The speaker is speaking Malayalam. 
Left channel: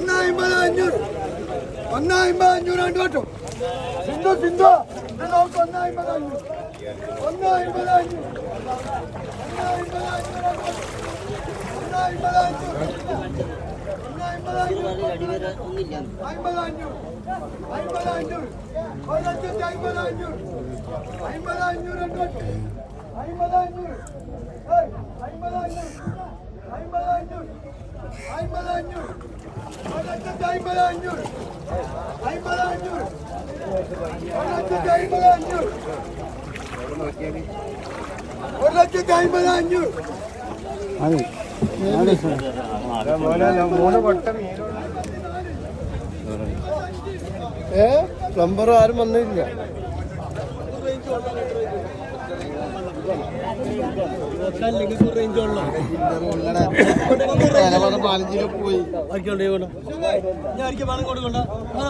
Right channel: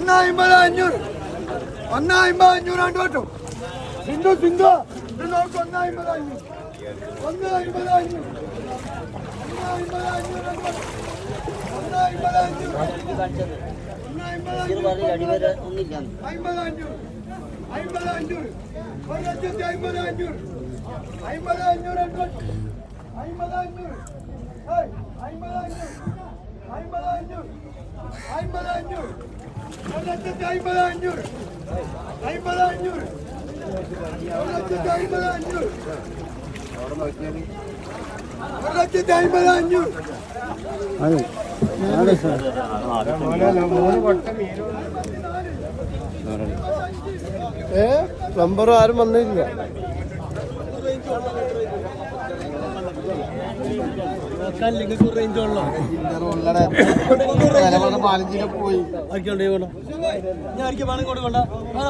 ഒന്നായിമ്പത് അഞ്ഞൂറ് ഒന്നായിമ്പത് അഞ്ഞൂറ് രണ്ട് വട്ടം സിന്ധു സിന്ധു നിങ്ങൾക്ക് ഒന്നായിമ്പത് അഞ്ഞൂറ് ഒന്നായിമ്പത് അഞ്ഞൂറ് ഒന്നായിമ്പത് അഞ്ഞൂറ് രണ്ട് വട്ടം. ഒന്നായിമ്പത് അഞ്ഞൂറ് ഒന്നായിമ്പത് അഞ്ഞൂറ് അടിവരെ ഒന്നില്ല അമ്പത് അഞ്ഞൂറ് അമ്പത് അഞ്ഞൂറ് ഒരു ലക്ഷത്തി അമ്പത് അഞ്ഞൂറ് അമ്പത് അഞ്ഞൂറ് അഞ്ഞൂറ് അമ്പത് അഞ്ഞൂറ് ഏയ്, അമ്പത് അഞ്ഞൂറ് ഒരു ലക്ഷത്തി അമ്പത് അഞ്ഞൂറ് ഒരു ലക്ഷത്തി അമ്പത് അഞ്ഞൂറ് ഏ പ്ലംബർ ആരും വന്നില്ല പോയി. ഞാൻ